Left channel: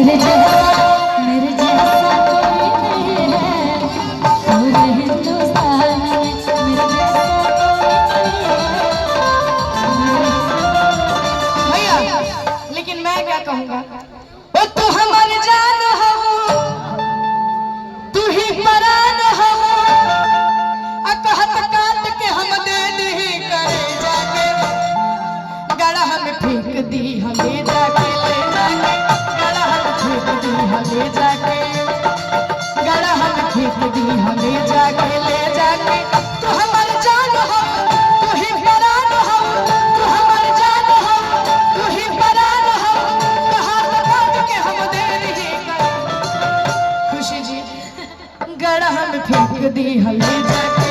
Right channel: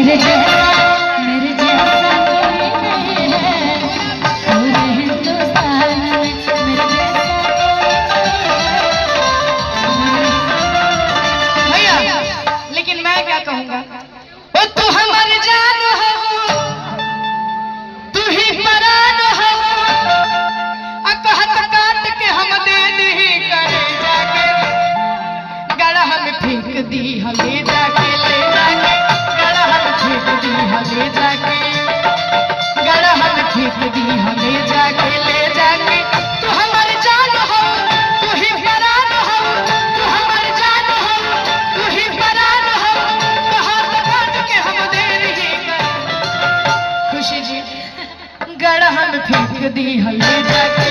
मेरे जैसा कोई नहीं है पूरे हिंदुस्तान में, मेरे जैसा भैया। लेकिन मैं क्या कहूँगा, ओ तू हमारी जान हो, तू ही परान हो, कहत काट के हम दे दी करे जाके, गड़ह में फेंक दी हमें जाके, ले जाके गड़ह में फेंक दी हमें जाके, गड़ह में फेंक दी हमें जाके, ले जाके। तू हमारी जान हो, तू ही परान हो, तू हमारी जान हो, तू ही परान हो, कहत काट के हम दे दी करे। खुशी जी गड़ह में फेंक दी हमें जाके,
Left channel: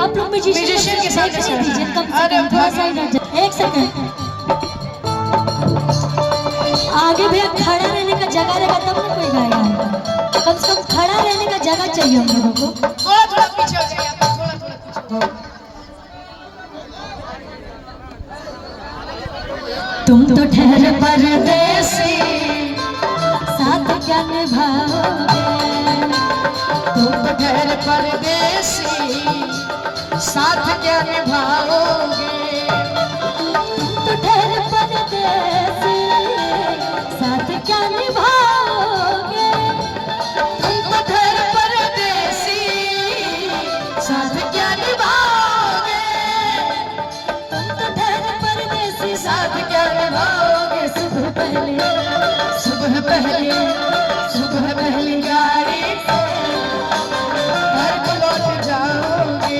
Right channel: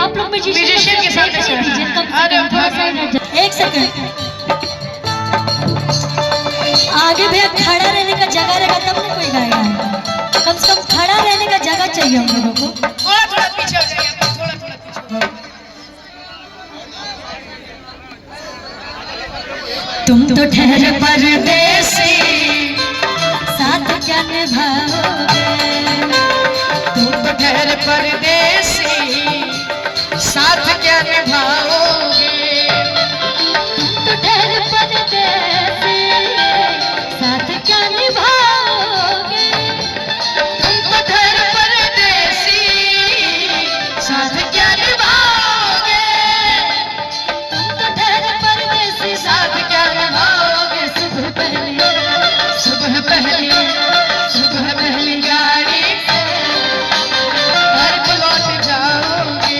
आप लोग म्यूजिशियन के साथ दीजिए, थोड़ा सा एक सेकंड आगे भैया खड़ा रहने का जगह रहेगा तब ना कोई गाएगा। कम से कम खड़ा रहने का जगह चाहिए हम लोगों को। थोड़ा थोड़ा पीछे हो जाइए, थोड़ा थोड़ा पीछे। तुम तो ठहर परदेसी साथ क्या निभाओगे, तुम तो ठहर परदेसी साथ क्या निभाओगे, तुम तो ठहर परदेसी साथ क्या निभाओगे, तुम तो ठहर परदेसी साथ क्या निभाओगे, तुम तो ठहर परदेसी साथ क्या निभाओगे। सुबह पहले सुबह पहले सुबह पहली गाड़ी से घर को लौट जाओगे,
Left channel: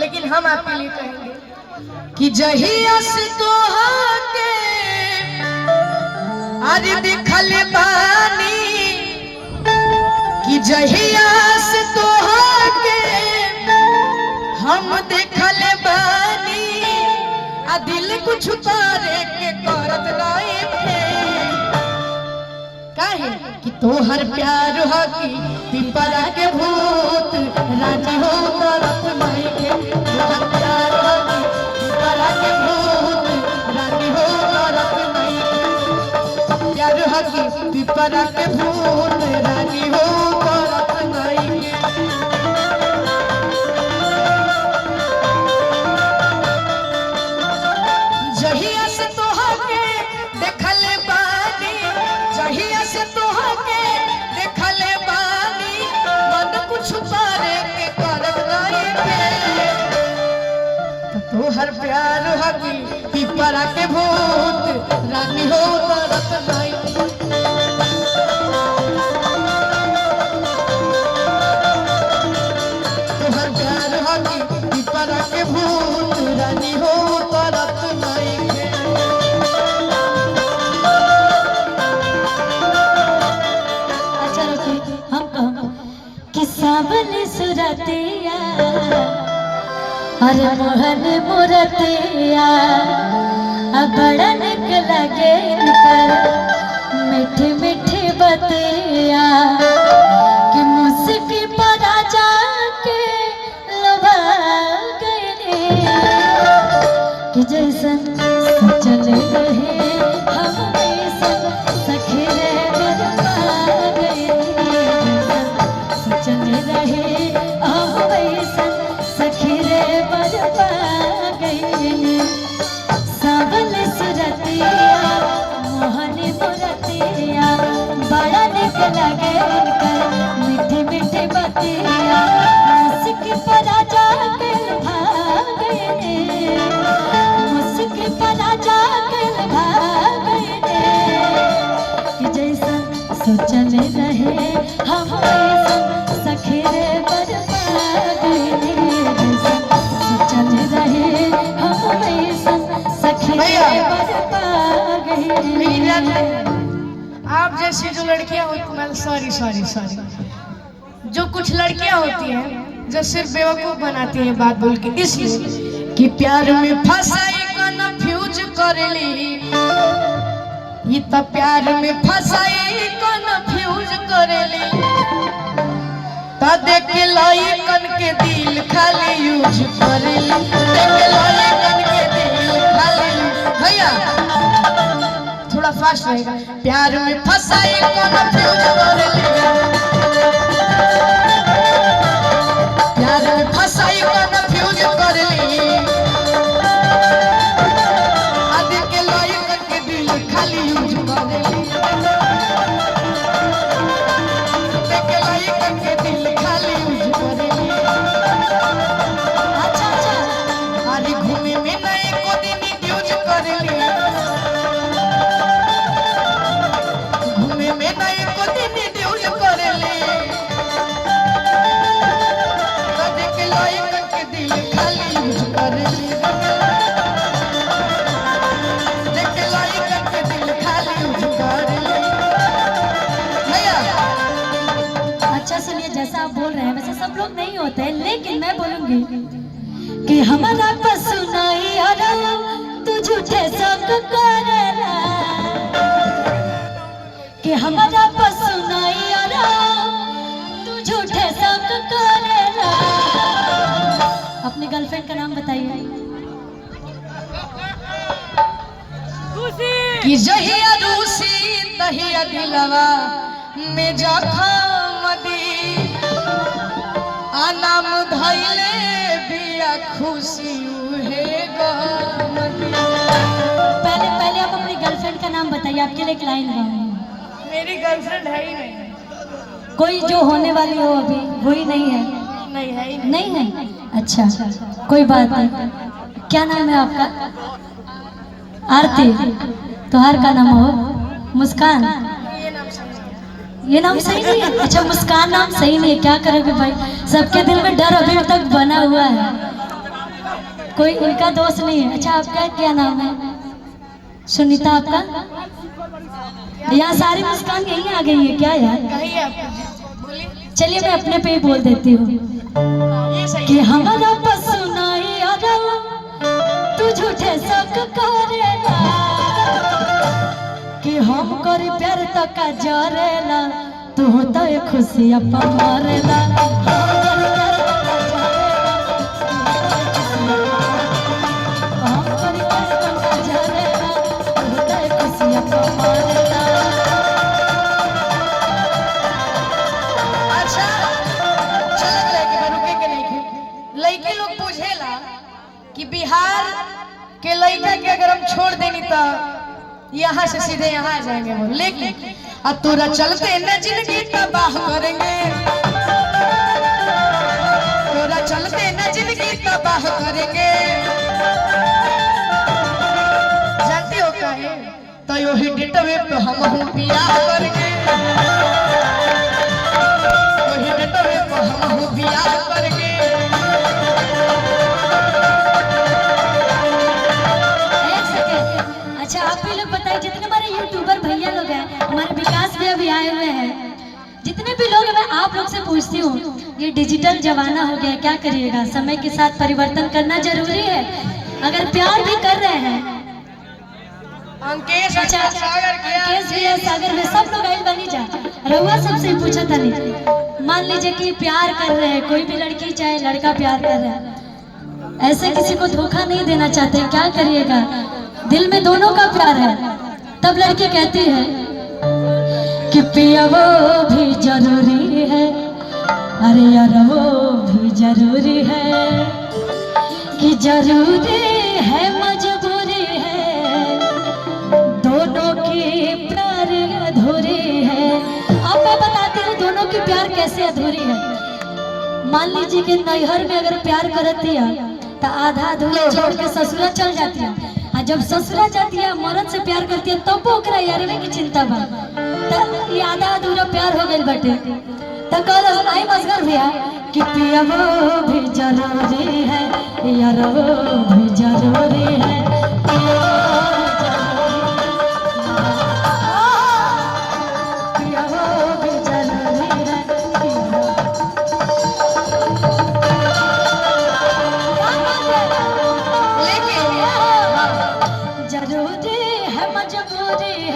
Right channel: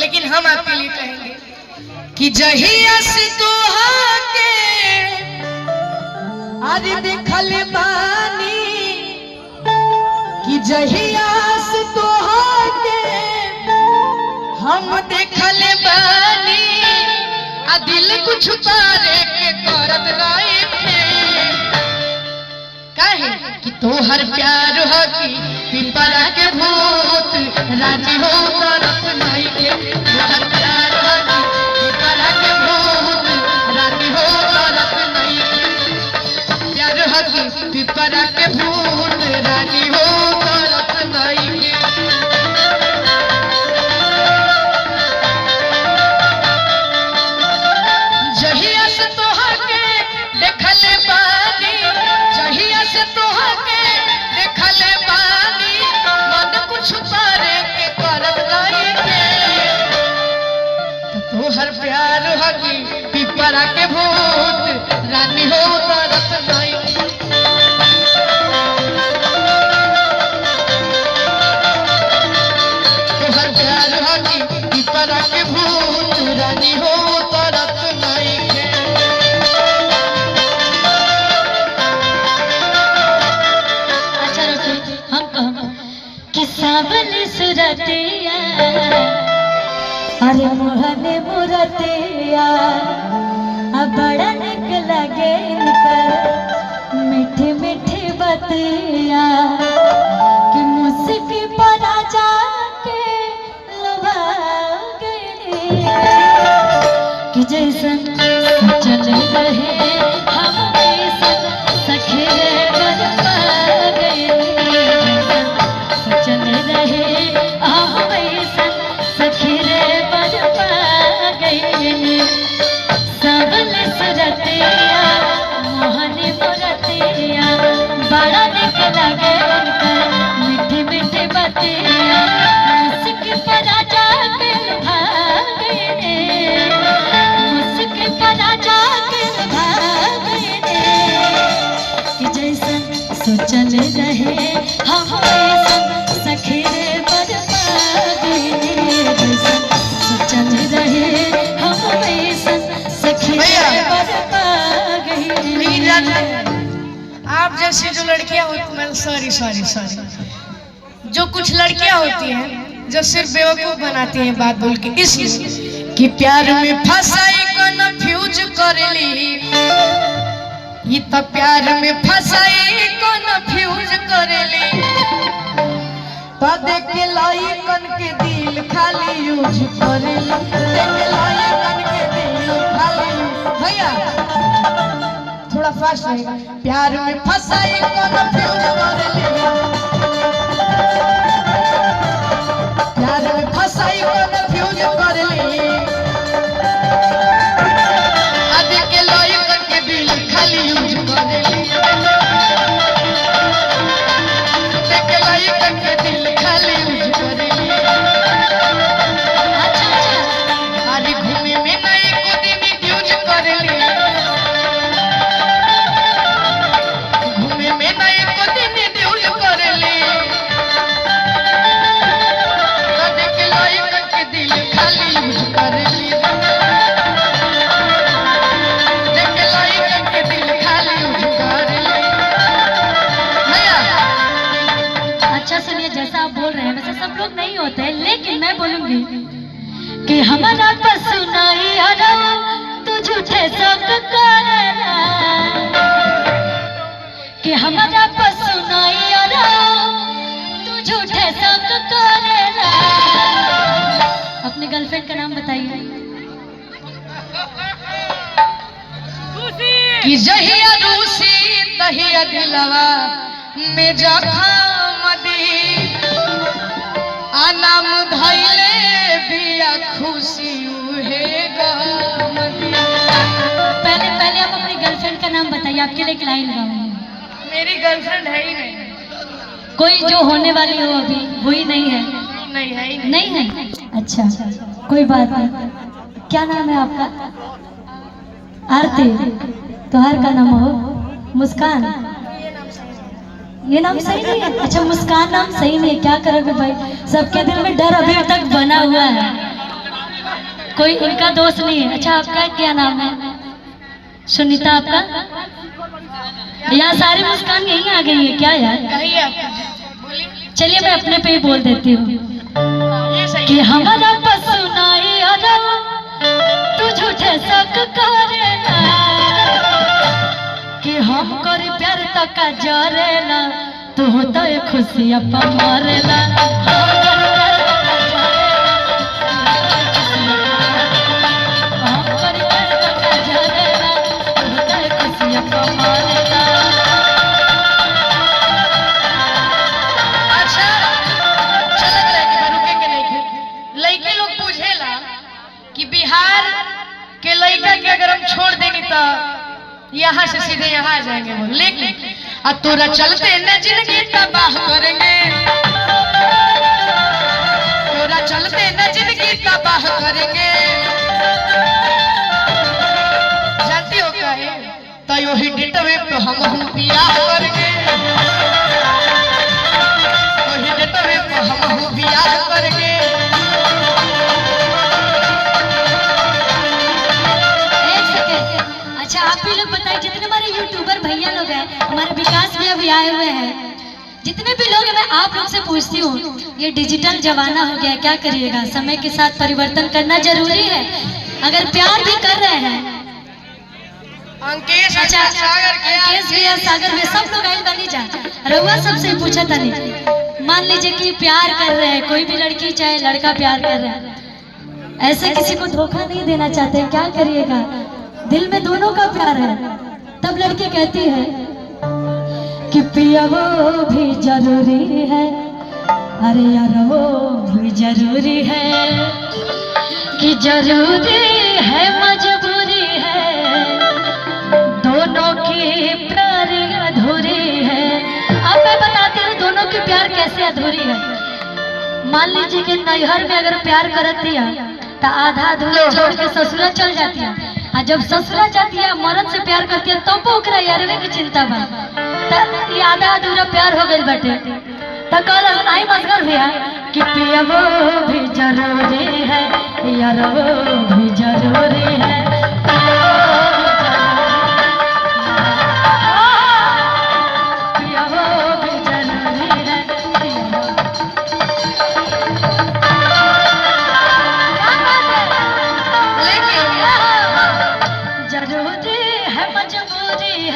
लेकिन हम आपके लिए कहेंगे कि जहिया से तोहके आज देखल बानी, कि जहिया से तोहके हम देखल बानी, आ दिल कुछ तारे के करत रहे थे, काहे कि तोहर प्यार हो कि पिपरा के भूत राजी हो तरफ नहीं के, तोहर प्यार हो कि पिपरा के भूत राजी हो तरफ नहीं के, प्यार हो कि पिपरा के भूत राजी हो तरफ नहीं के। जहिया से तोहके देखल बानी, जहिया से तोहके देखल बानी, मन कुछ तारे के करत नहीं के, तोहर प्यार हो कि पिपरा के भूत रानी हो तरफ नहीं के। तोहर प्यार हो कि पिपरा के भूत रानी हो तरफ नहीं के। अच्छा रुको, हम कहो कि सावन सुरतिया अरे मोहन मुरतिया बड़ा निक लगे मीठी मीठी बतिया, कि मुस्की पर जाके लुभा गई, कि जैसन चले रहे हम वैसन सखे रे बरपा गई, चले रहे हम वैसन सखे रे बरपा गई, सावन सुरतिया आप जैसी जो लड़कियां होती, सॉरी सॉरी सॉरी, जो कुछ लड़कियां होती हैं जो सिर्फ बेवकूफ बनाती हैं बात बोल के, इसलिए कि प्यार में फंसाई कन्फ्यूज करेली, ये तो प्यार में फंसाई कन्फ्यूज करेली, तो देख लाई कन के दिल खाली यूज करेली, देख लाई कन के दिल खाली। भैया थोड़ा फास्ट रहेगा। प्यार में फंसाई कन्फ्यूज करेली, प्यार में फंसाई कन्फ्यूज करेली, देख लाई कन के दिल खाली यूज करेली, देख लाई कन के दिल खाली यूज करेली। अरे घूमे में नए को दिन यूज करेली, घूमे में नए को दिन यूज करेली, देख लाई कन के दिल खाली यूज करेली, देख लाई कन के दिल खाली यूज करेली। भैया अच्छा सुनिए, जैसा आप बोल रहे हैं वैसे सब लोग नहीं होते हैं, लेकिन मैं बोलूंगी कि हमारा पसुनाई अरे तू झूठे शौक करेला, कि हमारा पसुनाई अरे तू झूठे शौक करेला। अपनी गर्लफ्रेंड का नाम बताइए। कि जहिया रूसी तहिया दिलवा में जखम दी, आनाम धैले बिया खुशी उहे गम दी। पहले पहले आप अपनी गर्लफ्रेंड का नाम बताइए, आपके लिए एक लाइन गाऊंगी। मेरी गर्लफ्रेंड है ही नहीं। कोई जो होने वाली हो अभी वही नहीं है? नहीं है ही नहीं है। अच्छा कोई बात नहीं। क्या नाम है आपका? आरती। तुहार का नाम हो? मुस्कान। ये नाम सही नहीं है? अच्छा मुस्कान नाम सही नहीं है, क्या करोगे भाई, सबके दिल में डर अभी तक बना हुआ है, कोई इनका दोस्त नहीं है। अच्छा आपका क्या नाम है? सुनीता। आपका? यार सारी मुस्कान यहीं आ गई है क्या यार? चलिए मैं अपने पे ही बोल देती हूँ कि हमारा पसुनाई अरे तू झूठे शक करेला, कि हम कर प्यार तक जरेला, तू होता है खुशी अपा मरेला। लड़के लोग पूछेला कि बिहार के लड़का के अगर हम छोड़ देंगे तो यहाँ से सीधे यहाँ आ जाएंगे वो, लेकिन अब तोरा चलते न जिंदगी तबाह करेंगे, तोरा चलते न जिंदगी तबाह करेंगे। जानती हो क्या है? तो यो ही डेटवे पे हम बियाह करेंगे, वही डेटवे पे हम बियाह करेंगे। अच्छा आप भी लोग बताइए, जितने हमारे यूट्यूबर भैया लोग हैं, हमारे विकास भी अभी आए हुए हैं, जितने भी लोग हैं, मैं आप लोग से पूछती हूँ, ये डिजिटल जमाना हो गया, क्या करिएगा? समय के साथ परिवर्तन करना जरूरी है। अगर प्यार भी कर रहे हैं, अंकेश अच्छा अंकेश भैया, सागर भी, सब लोग आए बनी जा रहुआ सबसे पूछा था नहीं। मान लीजिए कि प्यार कर रहे हैं, कोई भी लड़की चाहे लड़का प्यार कर रहे हैं, ऐसे किसी को धोखा नहीं देना चाहते, क्या करिएगा? दिल में दोनों का प्यार है, तब लड़की कहती है कि पिया वो भी जरूरी है, अरे यार वो भी जरूरी है, कि जरूरी है मजबूरी है, दोनों की प्यार अधूरी है। अब मैं बताती हूँ दोनों की प्यार कैसे अधूरी है। मान लीजिए कि नैहर में अगर प्यार करती है तो आधा अधूरा छोड़ के ससुरा चल जाती है, और जब ससुरा जाती है मर्द से प्यार करती है तब तो ओकरा यारवे की चिंता बा, तो ये आधा अधूरा प्यार हो गई बटे। तो कल आई मसगर भैया कि पिया वो भी जरूरी है, यार वो भी जरूरी है, पिया वो भी जरूरी है।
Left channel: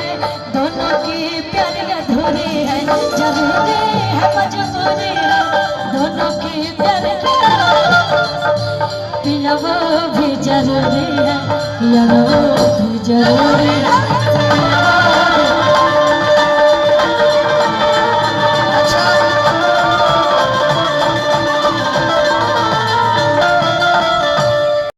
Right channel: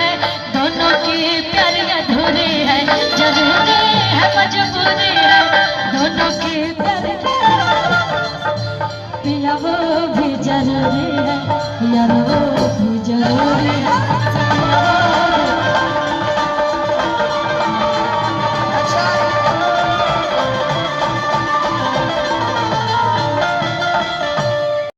है, दोनों की प्यार अधूरी है, जरूरी है मजबूरी है, दोनों की प्यार पिया वो भी जरूरी है, यारो भी जरूरी